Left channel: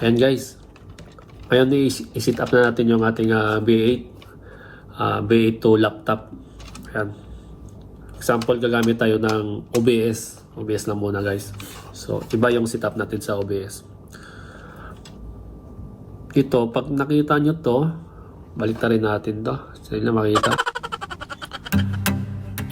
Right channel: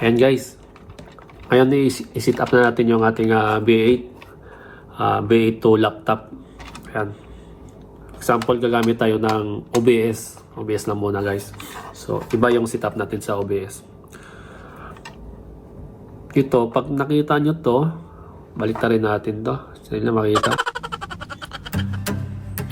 Ayan guys, ngayon i-set up na natin yung ating B8 to laptop. Ayan. Example, gagamit tayo ng OBS. OBS lang muna guys. So, iba yung setup natin sa OBS. Ito, pag nakita nyo to, balik rin natin to. Saan na makita?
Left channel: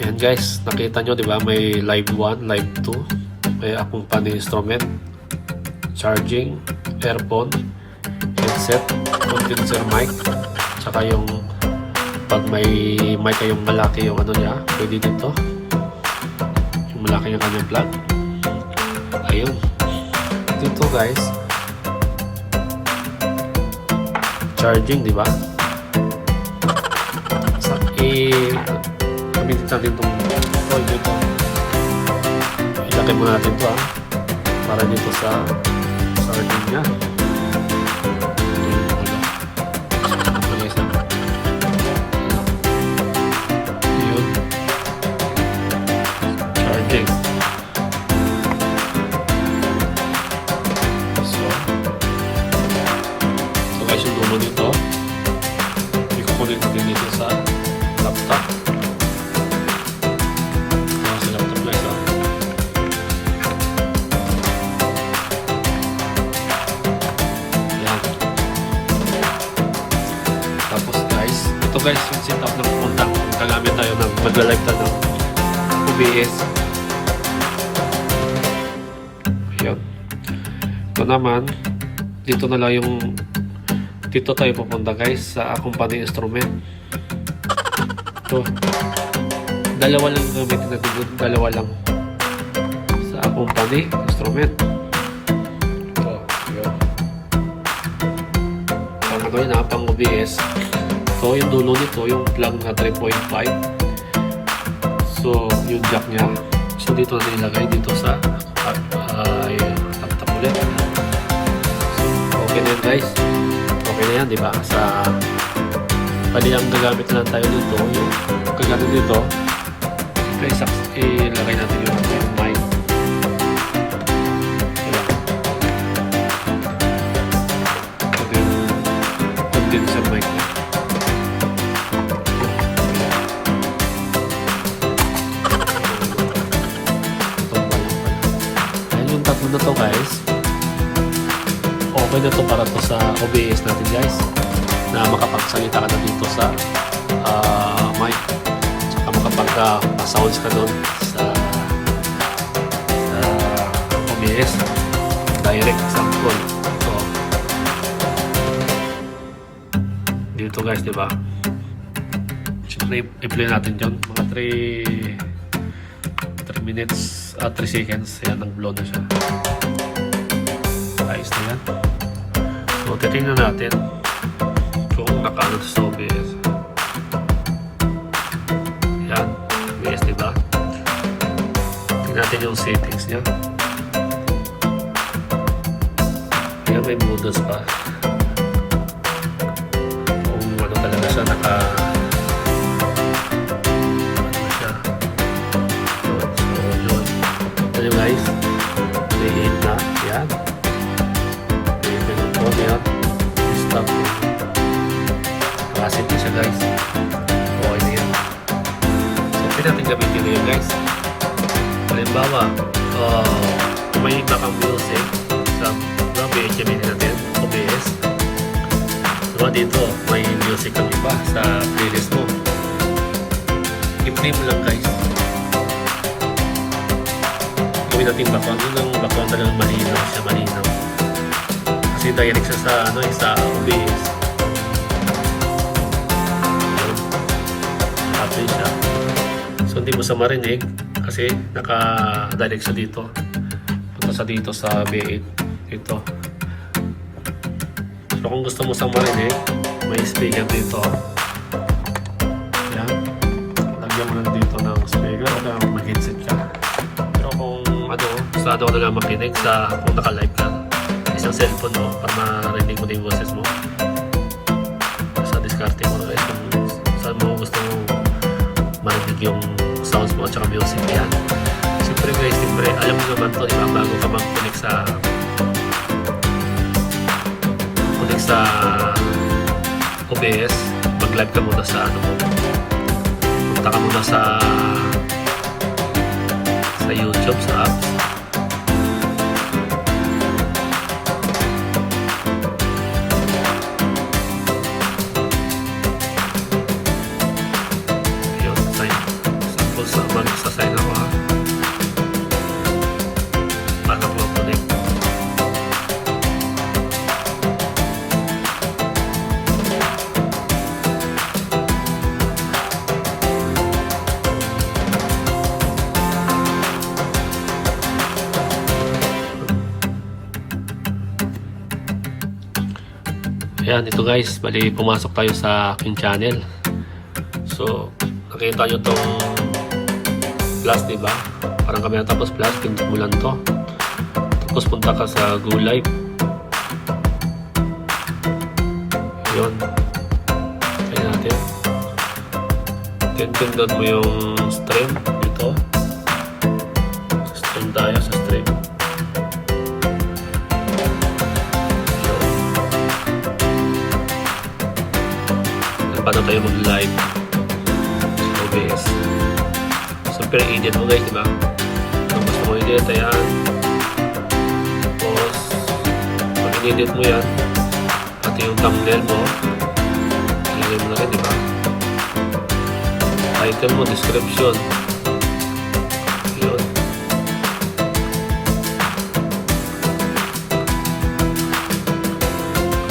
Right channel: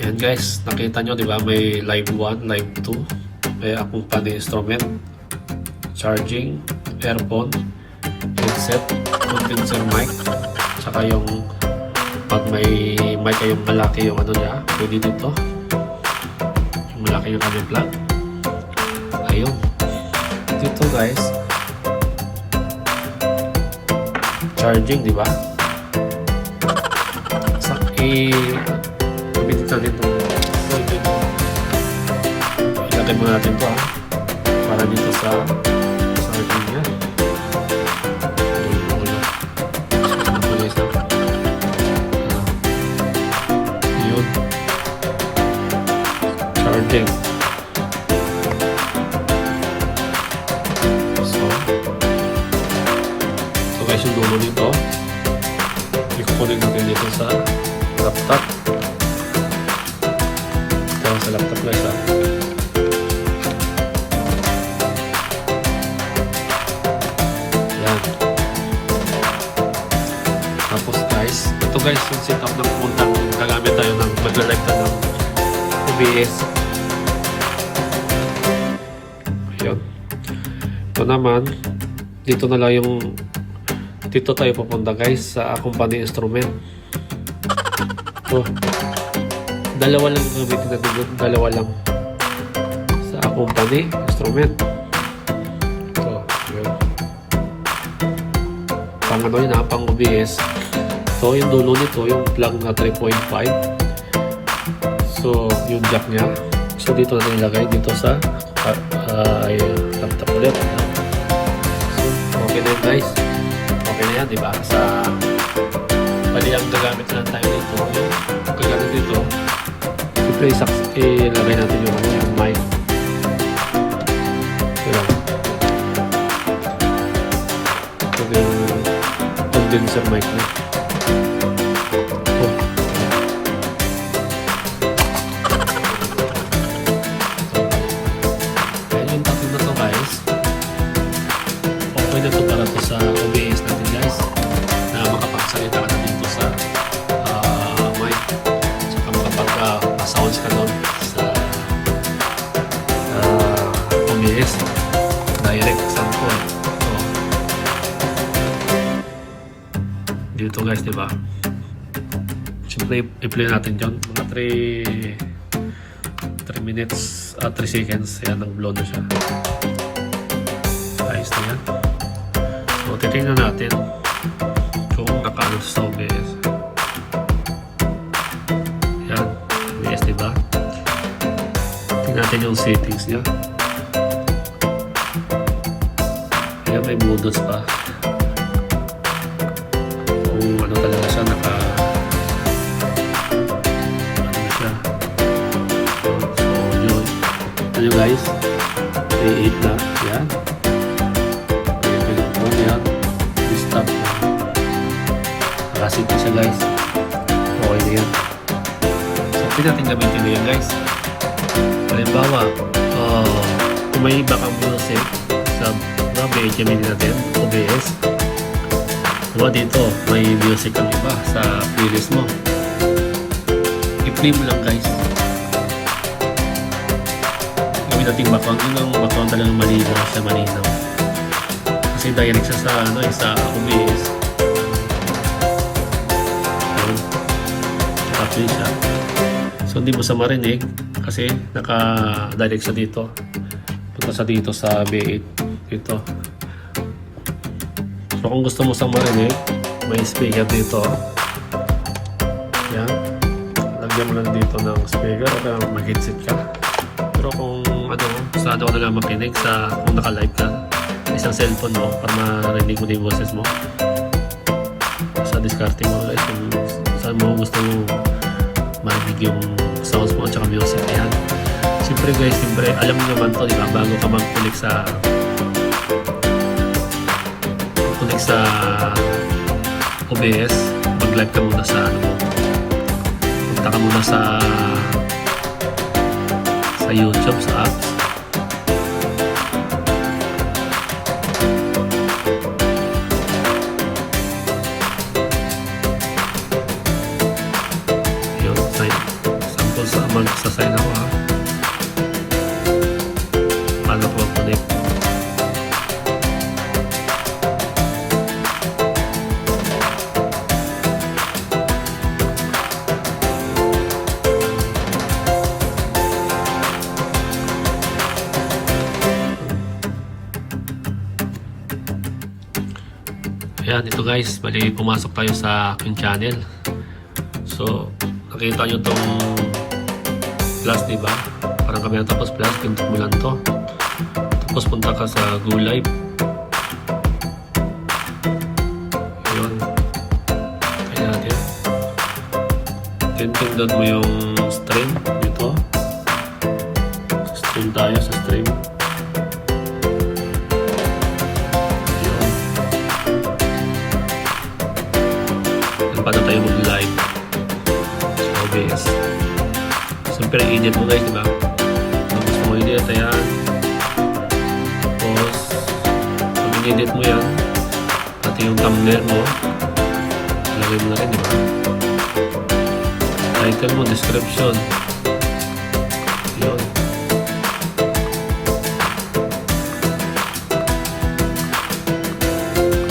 Ayan guys, nakita nyo diba? May live 1, live 2. May accompany instrument, charging, earphone, headset, condenser mic, saka yung pag may mic kayong malaki yung ano niya, pwede dito yung malaki yung kanyang plug. Ayun, dito guys, charging, di ba? Sa gamitin natin itong ilagay mo natin ito para dito sa niya. Yun. Charging. So guys, yung dulo nito ikukunin natin dito sa laptop. Ito sa laptop guys Tapos guys, ito guys yung setup ng punta. Gagamit tayo ng magla-live tayo ng OBS. Ayun. Ito naman, dito na lang yung dito tayo pupunta guys sa accompany instrument. Ito. Dalawa lang gamitin natin dito. Dalawa lang sa accompany instrument. Ito. Ayun. Pang ano yun pang OBS. Ito yung dulo nito, yung plug na 3.5. So yung jack nya, so dito natin ilagay dito sa laptop ulit. So okay na yun guys, okay na yan diba? Sa pali lang gagamit na tayo dito, yung gagamit dito ilagay natin yung ano, yung mic. Ito yung condenser mic niya. Okay na to para to sa OBS natin guys, na makapagsalita ka na dito sa mic, saka makapag-sounds ka nun sa OBS direct sample. Ito dito guys diba, siyempre i-play natin dyan mga 3 minutes 3 seconds. Yan, nag-blow na siya. Ayos na yan. So, titignan natin kung nakaano sa OBS. Yan, OBS diba? Tingnan natin yung settings niya. Ayan, may modus pa. Kung ano talaga siya, ano siya. So, yun. Ito nyo guys, 3.8 na. Yan. Yan, stop yan. Nakasit na siya guys. Okay na yan. So, pwede natin gamitin na yan guys. Halimbawa, kung may iba kang music sa BHMD natin, OBS, diba dito, may music kang iba sa playlist mo. I-play mo lang guys. Gawin natin background. Yun ang background talagang malinaw siya, malinaw. Kasi direct siya sa ano, sa OBS. Naka-play siya. So hindi mo sa marinig kasi naka-direct siya dito. Punta sa dito sa B8 dito. So kung gusto mo sa marinig, may speaker dito. Yan. Lagyan mo lang dito ng speaker o kaya may headset ka. Pero kung ano, sa ano ka na makinig sa kung naka-live ka, isang cellphone mo para marinig mo din yung boses mo. Sa discarte mo guys kung saan mo gusto mo marinig yung sounds mo at saka music. Ayan. Siyempre guys, alam mo naman to, diba? Bago ka mag-connect sa mag-connect sa OBS, mag-live ka muna sa ano mo. Punta ka muna sa YouTube, sa apps. Yun, sample sa magsasign ako ha. Paano ko mag-connect? Ayan, ito guys, bali pumasok tayo sa aking channel. So, nakita nyo tong plus, diba? Parang kami natapos plus, pintok mo lang to. Tapos punta ka sa Go Live. Yun. Kaya natin. Pindot mo yung stream. Ito. Stream tayo sa stream. Paano tayo mag-live sa OBS. Siyempre, edit mo guys, diba? Kung gusto mo edit, ayan. Tapos, pag in-edit mo yan, pati yung thumbnail mo, ilagay mo na rin, diba? Title mo, description. Yun.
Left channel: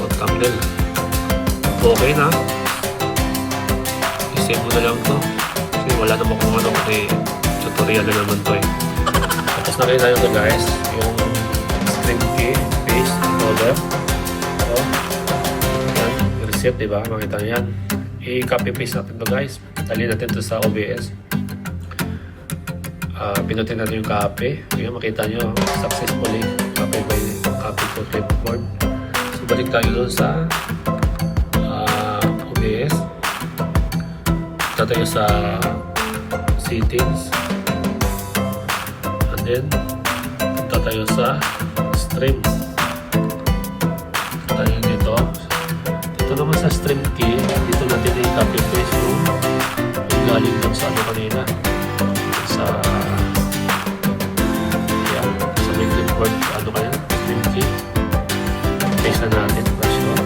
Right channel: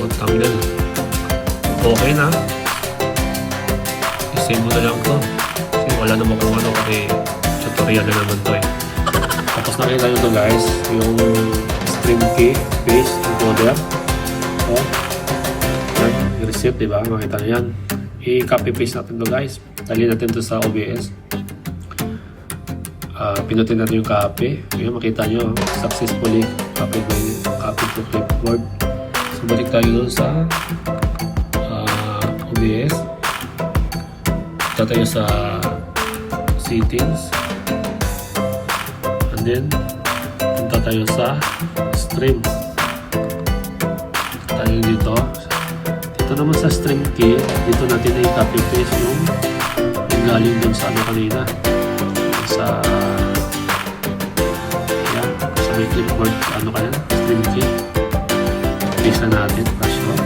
O, thumbnail. Okay na. I-save mo na lang to kasi wala naman kung ano kasi tutorial na naman to eh. Tapos nakita nyo to guys, yung stream key, paste, encoder. So, i-reset, diba? Makita nyo yan. I-copy paste natin to guys. Dali natin to sa OBS. Pinutin natin yung copy. Ayan, makita nyo, successfully copy to clipboard. So balik tayo dun sa OBS. Punta tayo sa settings, and then punta tayo sa stream. Tayo dito naman sa stream key, dito natin i-copy paste yung galing dun sa ano kanina, sa yan, sa may clipboard ano kaya, stream key, paste na natin para sure.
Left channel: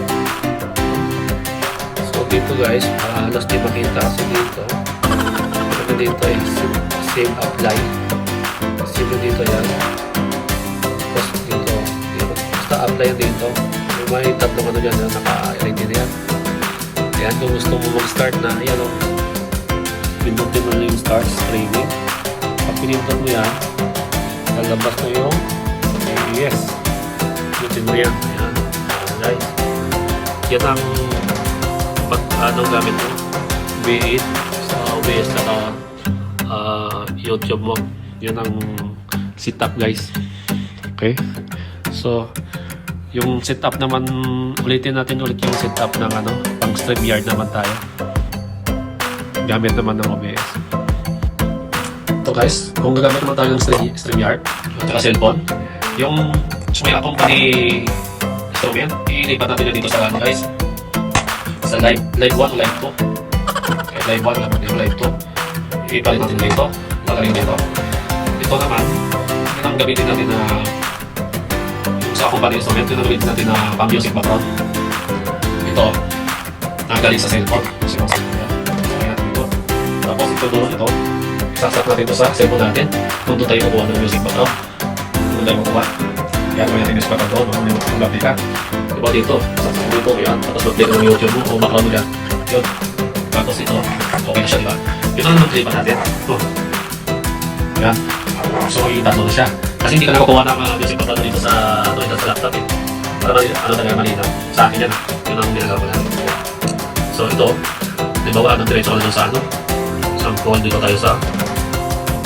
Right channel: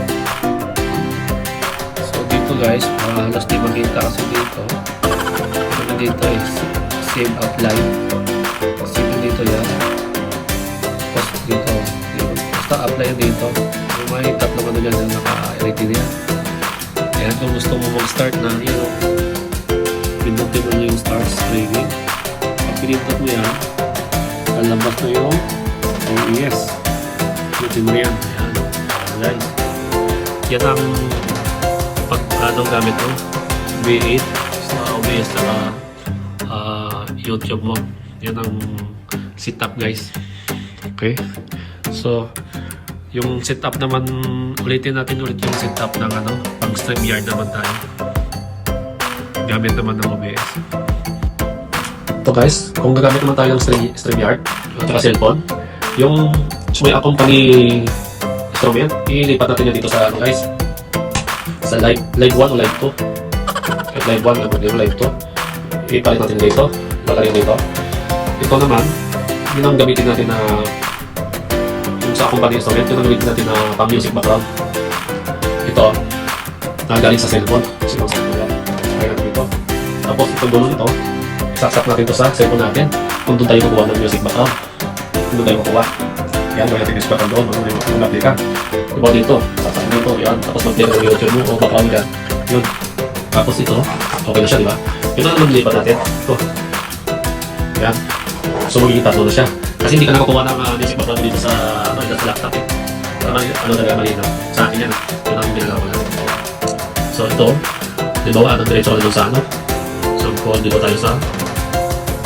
So dito guys, halos di makita kasi dito. Ano dito is save apply. Save dito yan. Tapos dito, basta apply dito. May tatlong ano dyan na naka-ready na yan. Ayan, kung gusto mo mag-start na, yan o. Pinutin mo yung start streaming. Pag pinindot mo yan, lalabas na yung AES. Pinutin mo yan. Ayan. Ayan guys. Yan ang anong gamit mo, B8 sa OBS na YouTube mo. Yan ang setup guys. Okay, so yung setup naman, ulitin natin ulit yung setup ng ano, pang StreamYard naman tayo, gamit naman ng OBS. Ito guys, kung gagamit naman tayo ng StreamYard at saka cellphone, yung may accompany instrument, ilipat natin yun dito sa ano guys, sa live 1 o live 2. At live 1 naman yung live 2. Ipalit natin dito. Lagayin dito. Ito naman, yun ang gamitin natin na yung sa accompany instrument, yun ang gamitin natin na pang music background. Ito, nagaling sa cellphone. Lagayin natin dito. Tapos itong dulo nito, isaksak natin ito sa cellphone natin. Kung doon tayo kukuha ng music background. Kung doon tayo kukuha. Yan, gawin natin music background doon. Kung mag-apply ka. Diba dito, saksak dito, yan. Tapos mag-play ka ng YouTube mo o background mo dyan. Yun. Tapos ito, okay na siya, diba? Ito na naman dilipat natin. Ito. Yan. So, itatlo na siya. Kasi hindi ka nakakuha ng music background dito sa, sa laptop eh. Para ano talaga malinaw. Sa akin yan. Yun ang binagawa ko natin. So, ito. Diba, diretso ka na doon sa ano. Sample, dito tayo sa,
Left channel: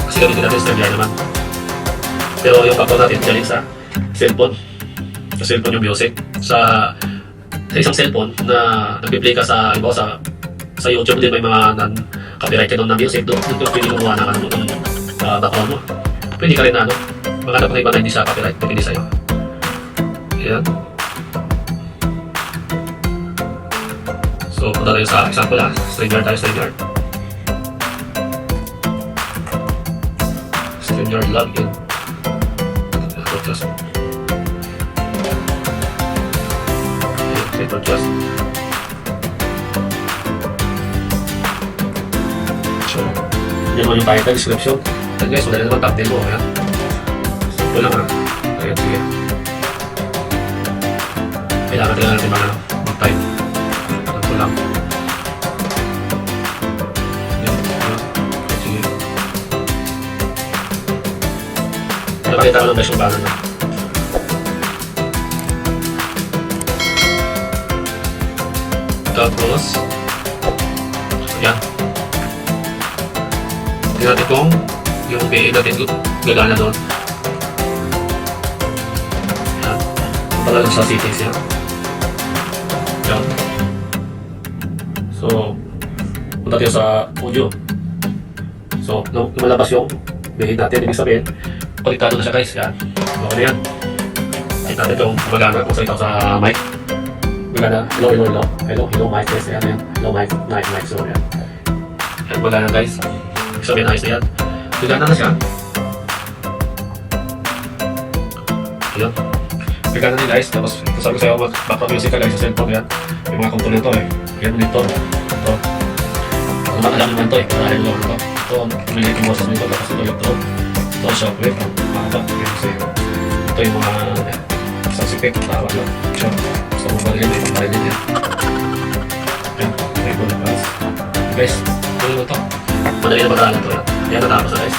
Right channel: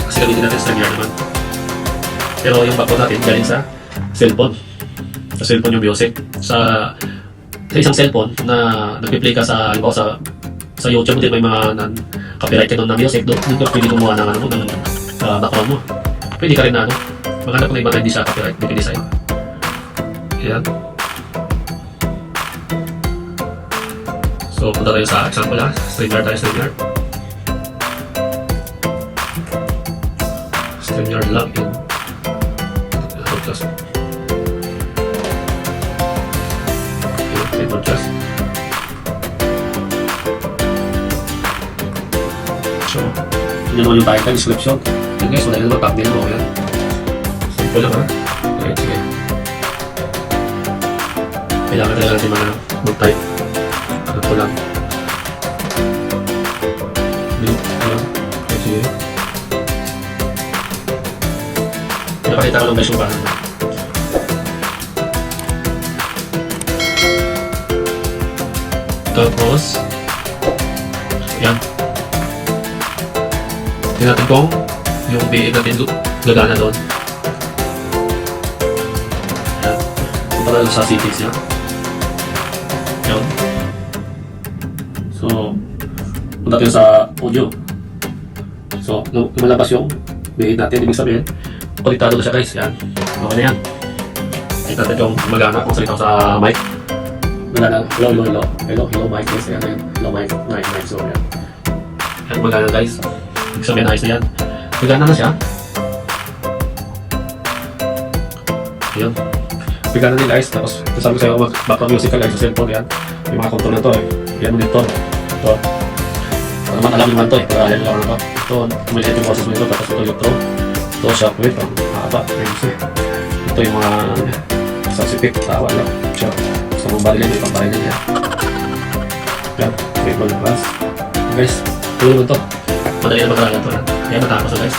kasi gamitin natin StreamYard naman. Pero yung background natin, galing sa cellphone. Sa cellphone yung music. Sa isang cellphone na nag-play ka sa, halimbawa sa YouTube, din may mga copyright ka doon na music, doon ka pwede kumuha ng ano, ng background mo. Pwede ka rin na ano, maghanap ng iba na hindi sa copyright, depende sa'yo. Ayan. So, punta tayo sa example ha. StreamYard tayo, StreamYard. StreamYard login. Broadcast. Okay, broadcast. So, yun naman yung title, description. And guys, madali naman thumbnail mo. Ayan. Simple lang ha. Ayan, sige. Kailangan talaga natin mga mag-type. Ano po lang. Sige. Pinapakita ko lang guys yung paano na. Tapos, yan. Tingnan natin kung yung BA natin gagana doon. Yan. Punta tayo sa settings yan. Yan. So, punta tayo sa audio. So, lumalabas yung BA natin. Ibig sabihin, konektado na siya guys. Yan. Okay na yan. Tingnan natin kung gumagana kung salita ko sa mic. Magana, hello mic guys, yan, hello mic. So yan, yan magana guys, ibig sabihin ayos na yan, magana na siya, ayan, magana din guys. Tapos sabi ko sa'yo background music ka guys sa cellphone, yan, yung mga control na to yan monitor, ito, para naman alam naman to para alam lang ito, maliit yung boses mo ito, tapos ito yung ito shockwave, ang mahaba, ito yung mga sound effect, tawa lang, siya. Gusto mong barilin, may pambarilin yan. Yan, may balabas. Guys, tuloy mo to. Madali na magkakalan to yan. Ayan, natapos na guys.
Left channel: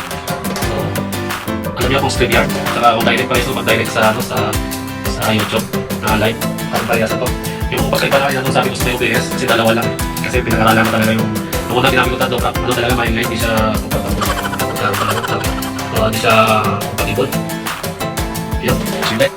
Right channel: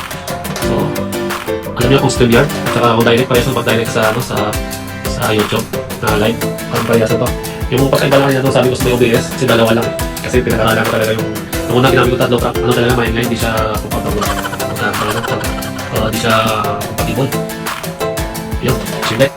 So, alam niyo kung StreamYard, at saka kung direct pa rin, so mag-direct sa YouTube na live. Parang parehas na to. Yung pagkaiba lang natin, sabi ko sa may OBS, kasi dalawa lang. Kasi pinakalalan ko talaga yung unang ginamit ko tatlo, ano talaga, may hindi siya compatible. Hindi siya compatible. Yun, sige.